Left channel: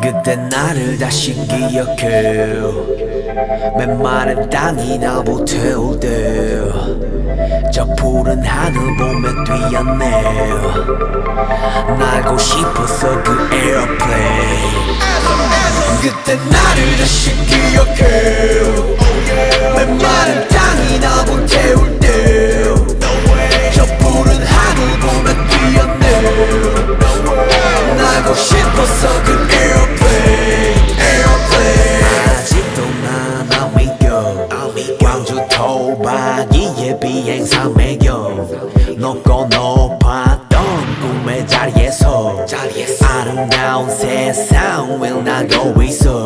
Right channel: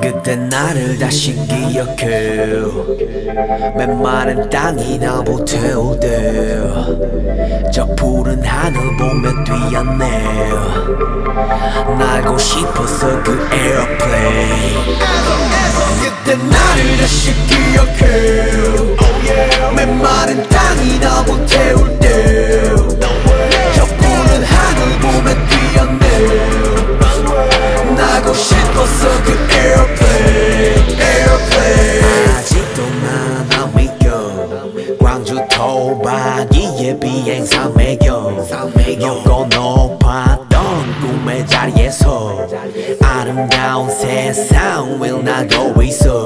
그때 나를 다시 기억해. 메마른 땅이 나 불태울 때 저 푸른 하늘 보며 뛰었네. 날고 싶었어 그 에어플레인. 그때 나를 다시 기억해. 메마른 땅이 나 불태울 때 저 푸른 하늘 보며 뛰었네. 날고 싶었어 그 에어플레인. 아직도 난 안 믿겨. 광주 토박이의 비행사 매겨. 높고 높았던 꿈의 자리에서 아름다운 세상 을 나고 있어.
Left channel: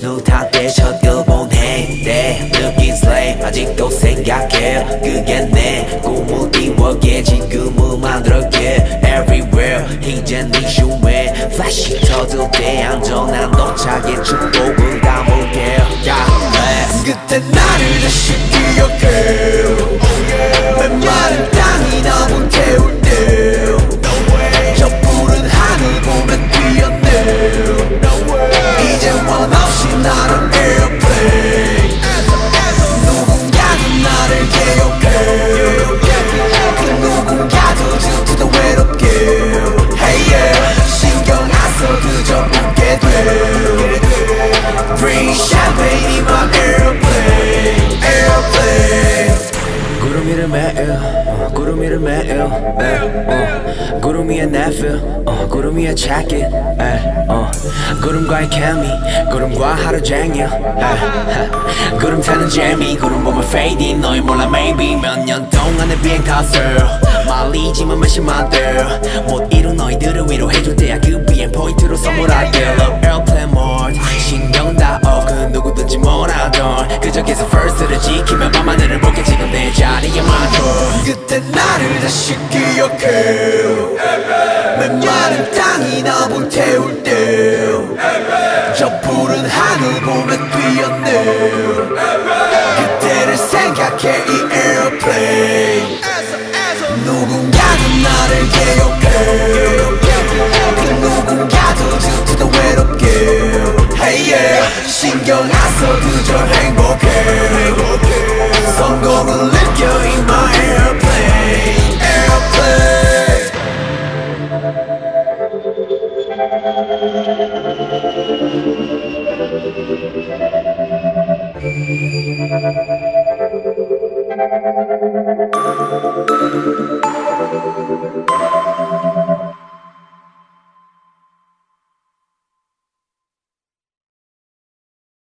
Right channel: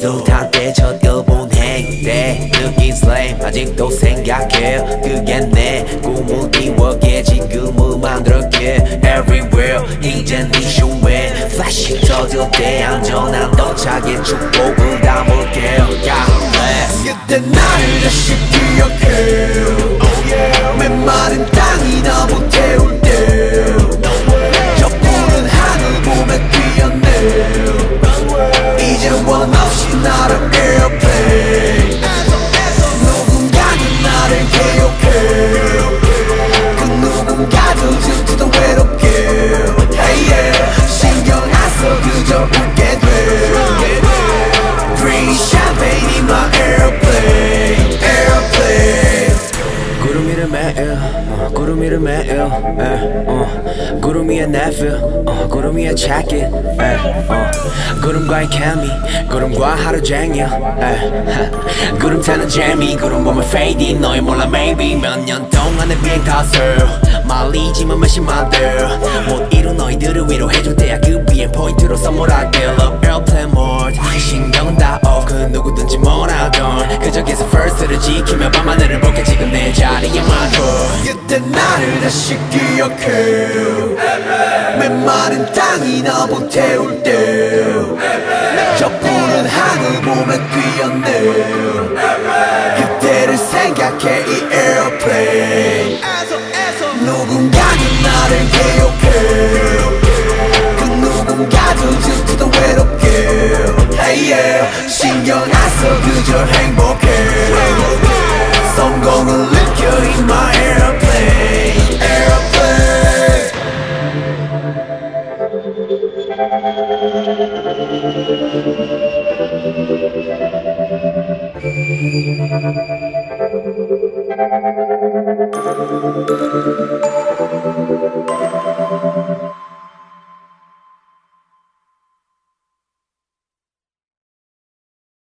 눈 탔 때 첫 일본 행때 느낀 슬레임 아직도 생각해. 그게 내 꿈을 이루게 지금을 만들었게. Everywhere 이젠 네 슈에 플래시 터질 때 안전한 도착에 축복을 담을게. God bless. 그때 나를 다시 기억해. 메마른 땅이 나 불태울 때 저 푸른 하늘 보며 뛰었네. 이제 원 없이 날아 에어플레인. 누군가는 나를 기억해. 그 누군가도 질투도 외롭게. Hey yeah. 신경 안 써 그저 웃게 돼. Bring champagne in my airplane. Airplane. 구름 위를 매일 구름 위를 매일 구름 위에 내 feel 구름 위에 check it 구름과의 케미 구름과 하루 종일 구름 타는 재미 구름 보면 fading 너희 몰라 maybe 몇 년 동안의 비행 탓을 말리지만 몇십만들 못 이룬 너희들을 위로해줄 때야 그 비행 포인트로 선물할게. Love airplane mode 신경 다 off 그 누구든지 뭐라던 그저 계속 first를 지키며 밤하늘을 볼게 지금 내 자리에 맞춰. 그때 나를 다시 기억해. 메마른 땅이 나 불태울 때 저 푸른 하늘 보며 뛰었네. 그때를 생각해 이 에어플레인. 누군가도 나를 기억해. 그 누군가도 질투도 외롭게. Hey yeah. 신경 안 써 그저 행복해. 성공을 느껴 in my airplane. Airplane.